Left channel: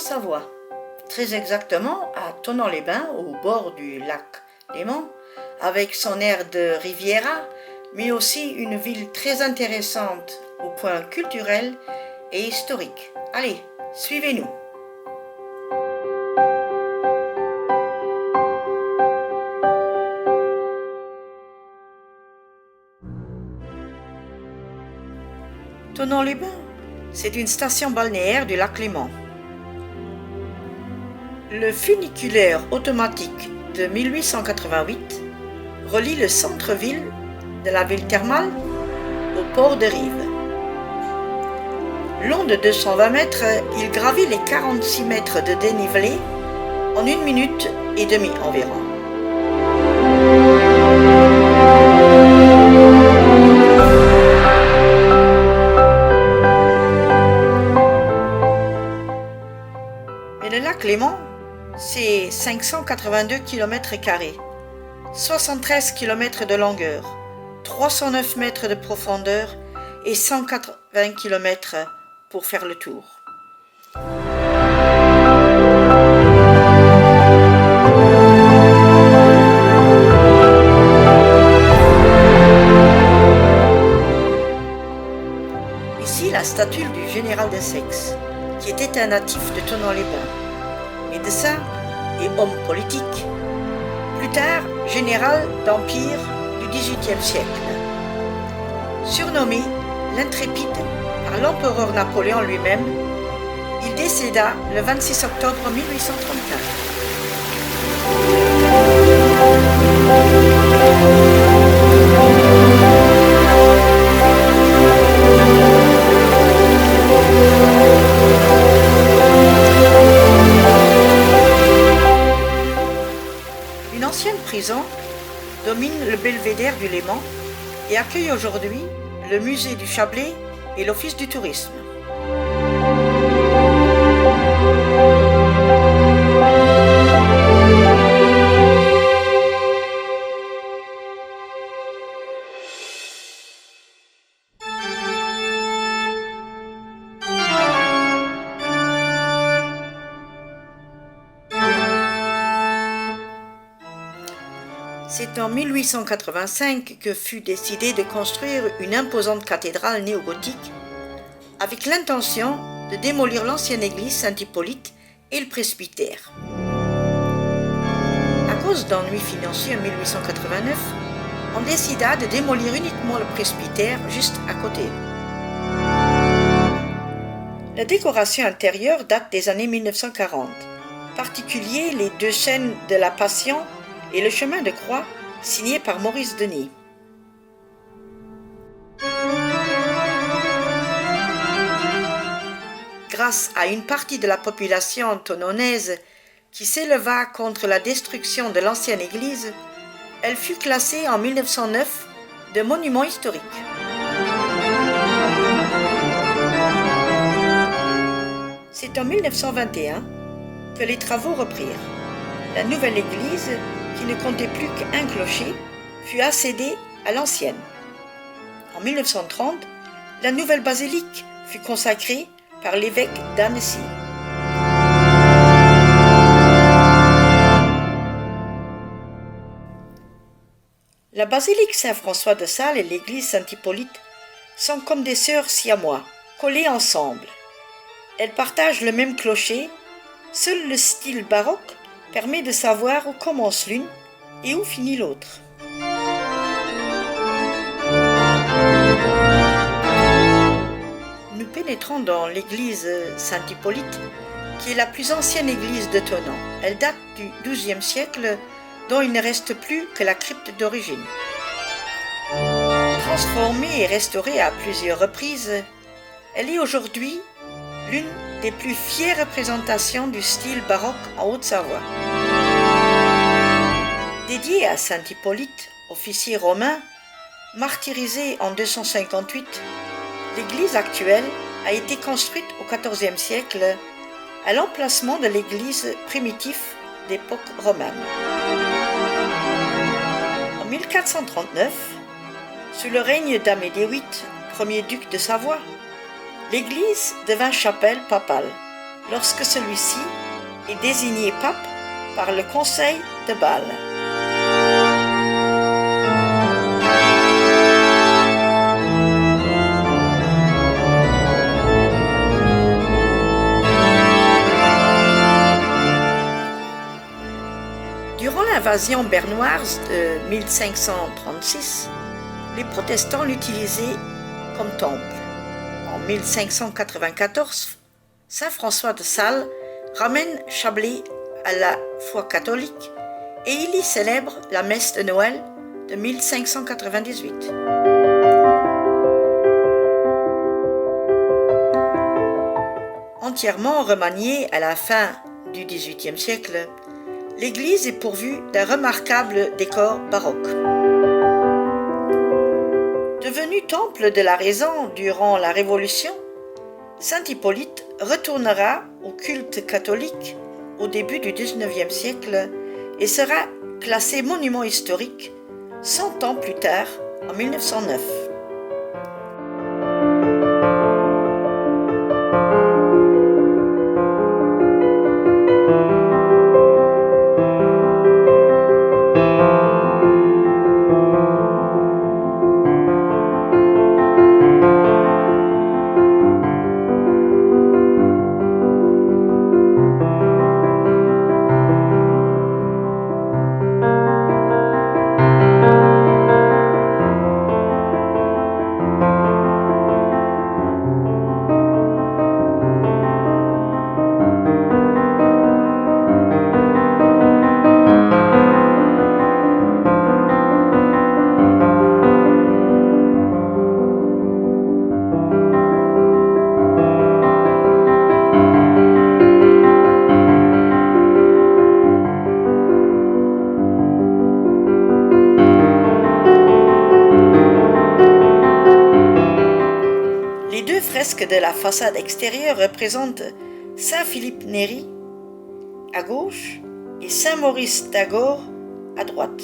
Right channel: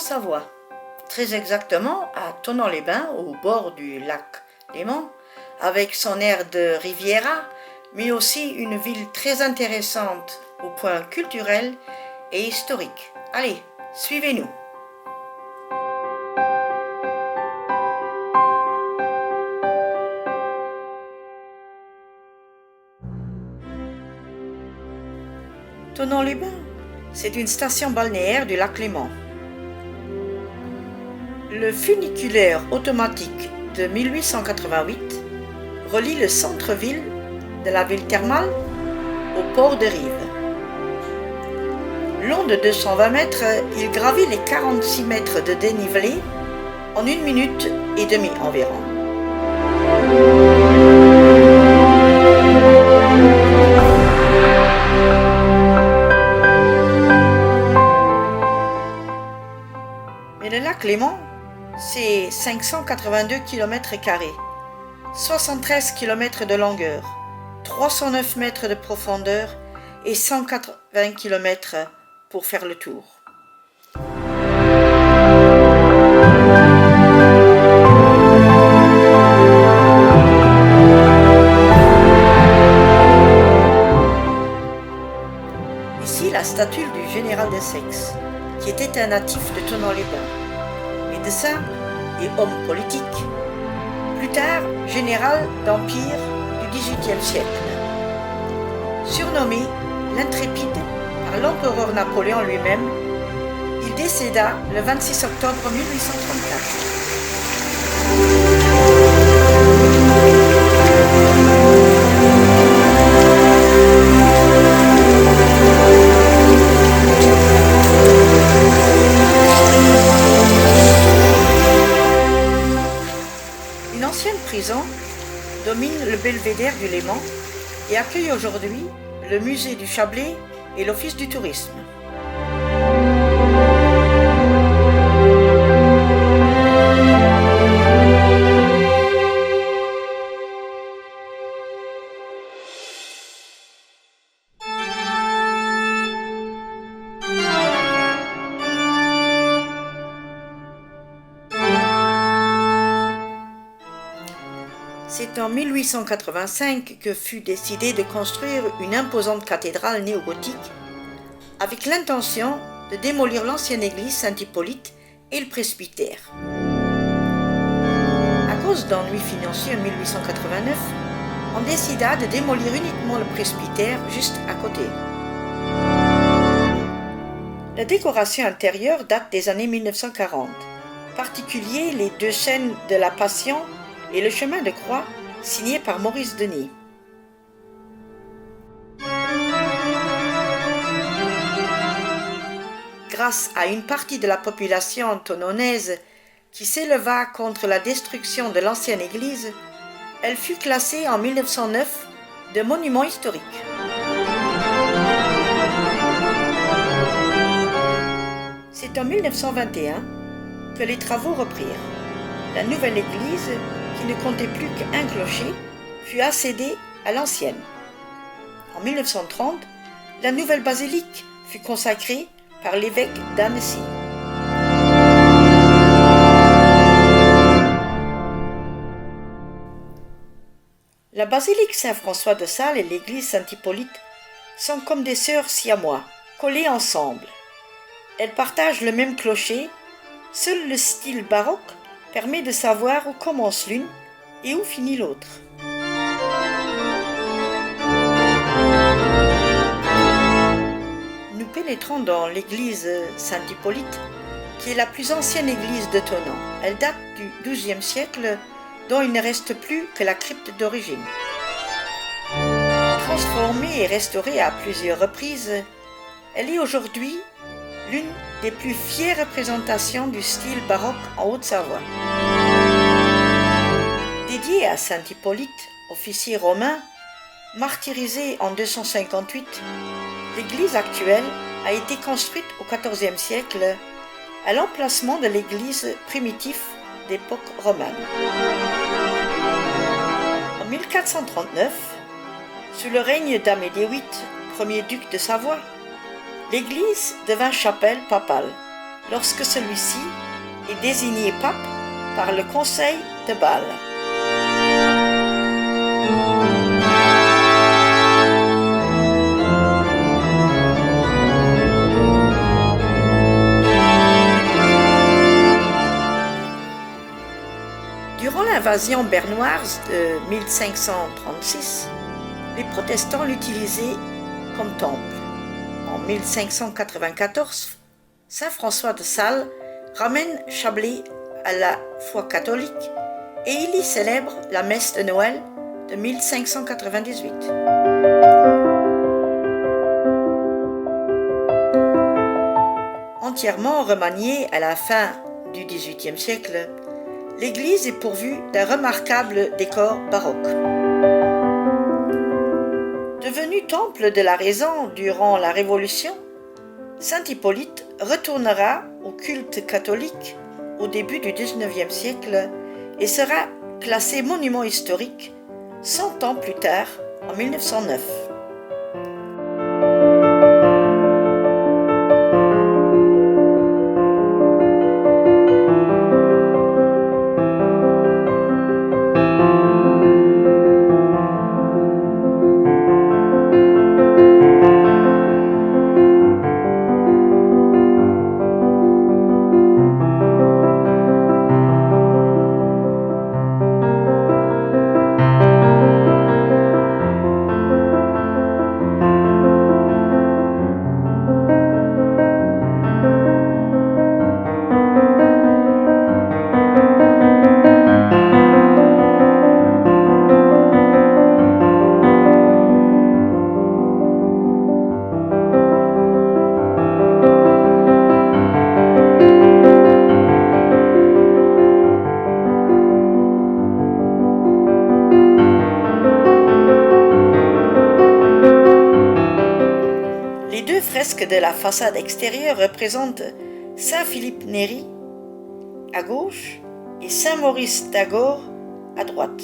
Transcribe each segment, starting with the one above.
Savoie, très exactement à Thonon-les-Bains, au bord du lac Léman, avec son aire de Riviera, mais aussi une ville très intéressante au point culturel et historique. Allez, suivez-nous. Thonon-les-Bains, c'est une station balnéaire du lac Léman. Le funiculaire automatique de 1888 relie le centre-ville de la ville thermale au port de Rives. Long de 220 mètres, il gravit les 46 mètres de dénivelé en 1 minute et demie environ. Mais le lac Léman, c'est 582 km², 73 km de longueur, 309 mètres de profondeur et 180 km pour faire le tour. Ici, la statue du général d'Essex, qui était un natif de Thonon-les-Bains, médecin et homme politique, plus tard général d'Empire du XVIIIe siècle. Surnommé l'intrépide par l'empereur Napoléon lui-même, il décéda le 26 octobre 1834. Une ancienne prison domine le belvédère du Léman et accueille aujourd'hui le musée du Chablais et l'office du tourisme. C'est en 1885 que fut décidé de construire une imposante cathédrale néogothique avec l'intention de démolir l'ancienne église Saint-Hippolyte et le presbytère. À cause d'ennuis financiers en 1889, on décida de démolir uniquement le presbytère juste à côté. La décoration intérieure date des années 1940, en particulier les 2 scènes de la Passion et le chemin de croix signé par Maurice Denis. Grâce à une partie de la population thononnaise qui s'éleva contre la destruction de l'ancienne église, elle fut classée en 1909 de monument historique. C'est en 1921 que les travaux reprirent. La nouvelle église, qui ne comptait plus qu'un clocher, fut accédée à l'ancienne. En 1930, la nouvelle basilique fut consacrée par l'évêque d'Annecy. La basilique Saint-François de Sales et l'église Saint-Hippolyte sont comme des sœurs siamois, collées ensemble. Elles partagent le même clocher, seul le style baroque permet de savoir où commence l'une et où finit l'autre. Nous pénétrons dans l'église Saint-Hippolyte, qui est la plus ancienne église de Thonon. Elle date du XIIe siècle, dont il ne reste plus que la crypte d'origine. Transformée et restaurée à plusieurs reprises, elle est aujourd'hui l'une des plus fières représentations du style baroque en Haute-Savoie. Dédiée à saint Hippolyte, officier romain, martyrisé en 258, l'église actuelle a été construite au XIVe siècle à l'emplacement de l'église primitive d'époque romane. En 1439, sous le règne d'Amédée VIII, premier duc de Savoie, l'église devint chapelle papale, lorsque celui-ci est désigné pape par le Conseil de Bâle. Durant l'invasion bernoise de 1536, les protestants l'utilisaient comme temple. En 1594, saint François de Sales ramène Chablais à la foi catholique et il y célèbre la messe de Noël de 1598. Entièrement remaniée à la fin du XVIIIe siècle, l'église est pourvue d'un remarquable décor baroque. Devenu temple de la raison durant la Révolution, saint Hippolyte retournera au culte catholique au début du XIXe siècle et sera classé monument historique 100 ans plus tard, en 1909. Les deux fresques de la façade extérieure représentent saint Philippe Néri à gauche et saint Maurice d'Agore à droite.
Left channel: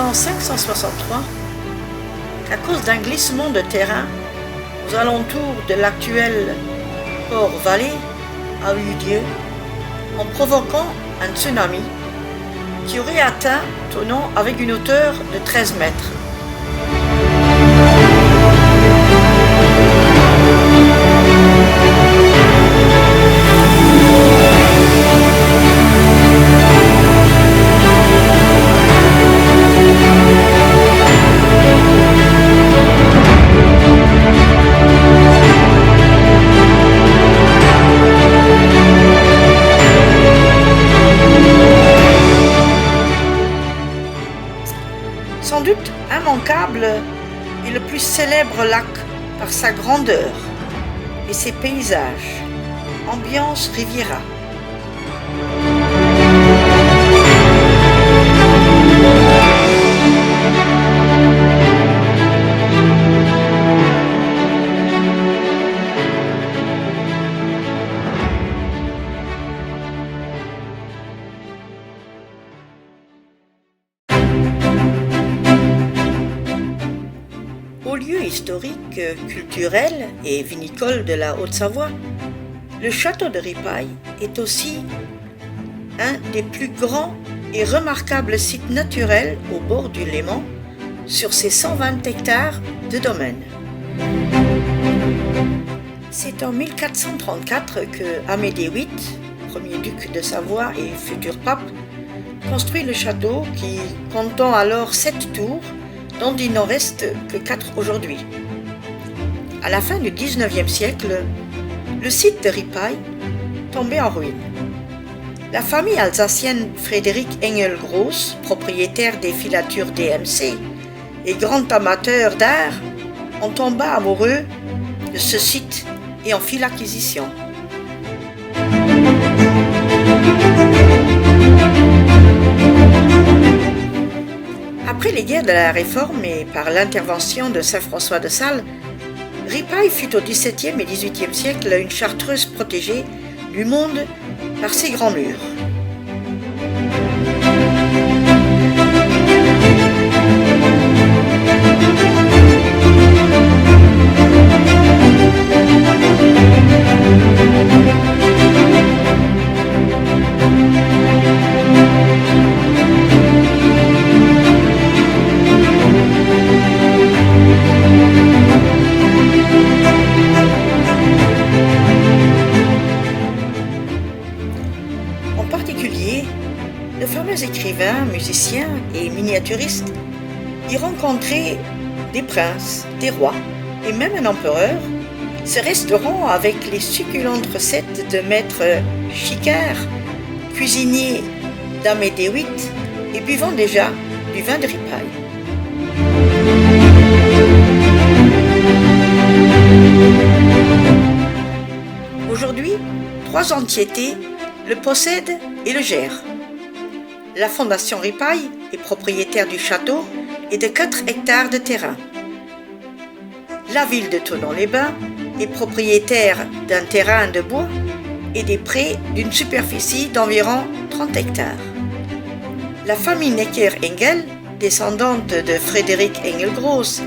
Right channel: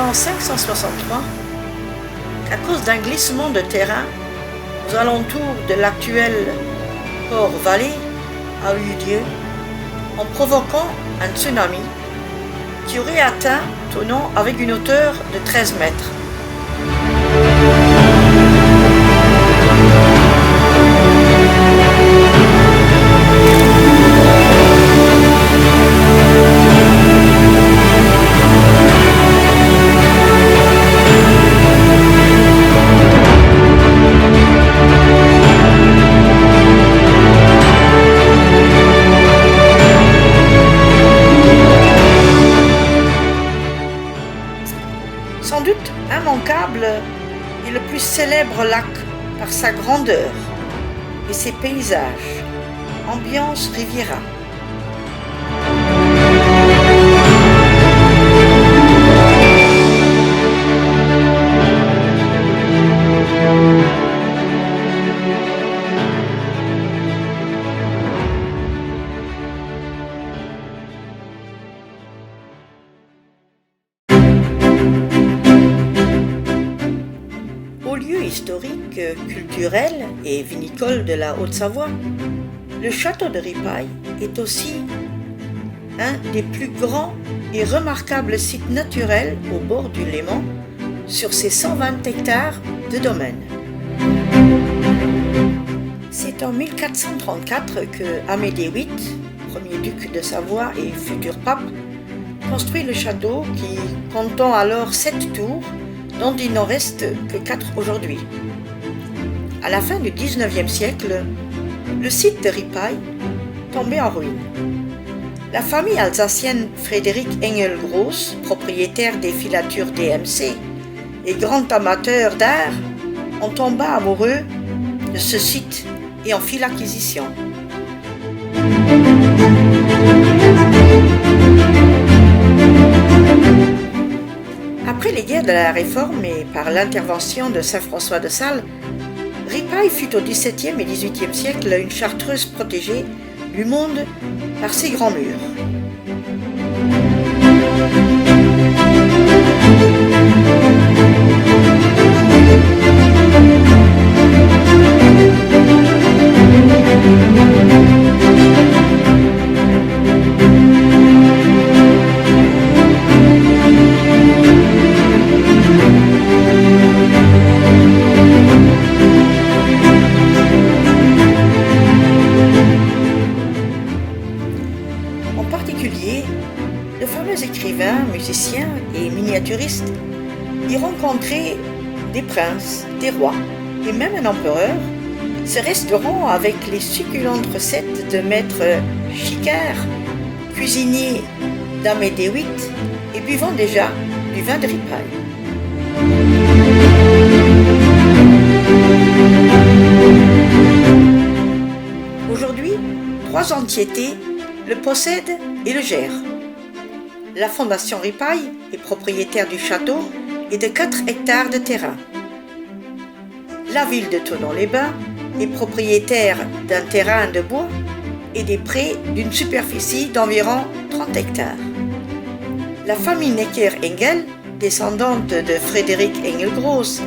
En 563, à cause d'un glissement de terrain aux alentours de l'actuel Port-Vallée a eu lieu en provoquant un tsunami qui aurait atteint Thonon avec une hauteur de 13 mètres. Sans doute immanquable et le plus célèbre lac par sa grandeur et ses paysages, ambiance Riviera. Au lieu historique, culturel et vinicole de la Haute-Savoie, le château de Ripaille est aussi un des plus grands et remarquables sites naturels au bord du Léman sur ses 120 hectares de domaine. C'est en 1434 que Amédée VIII, premier duc de Savoie et futur pape, construit le château qui, comptant alors 7 tours, dont il n'en reste que 4 aujourd'hui. À la fin du XIXe siècle, le site de Ripaille tombait en ruine. La famille alsacienne Frédéric Engel-Gross, propriétaire des filatures DMC et grand amateur d'art, en tomba amoureux de ce site et en fit l'acquisition. Après les guerres de la Réforme et par l'intervention de saint François de Sales, Ripaille fut au XVIIe et XVIIIe siècle une chartreuse protégée du monde par ses grands murs. En particulier, le fameux écrivain, musicien et miniaturiste y rencontrait des princes, des rois et même un empereur, ce restaurant avec les succulentes recettes de maître Chicard, cuisinier d'Amédée VIII et buvant déjà du vin de Ripaille. Aujourd'hui, 3 entiétés le possède et le gère. La Fondation Ripaille est propriétaire du château et de 4 hectares de terrain. La ville de Thonon-les-Bains est propriétaire d'un terrain de bois et des prés d'une superficie d'environ 30 hectares. La famille Necker-Engel, descendante de Frédéric Engel-Gross,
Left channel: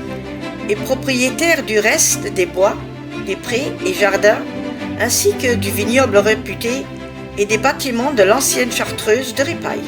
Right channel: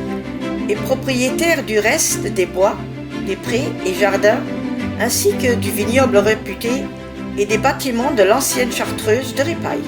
est propriétaire du reste des bois, des prés et jardins, ainsi que du vignoble réputé et des bâtiments de l'ancienne chartreuse de Ripaille.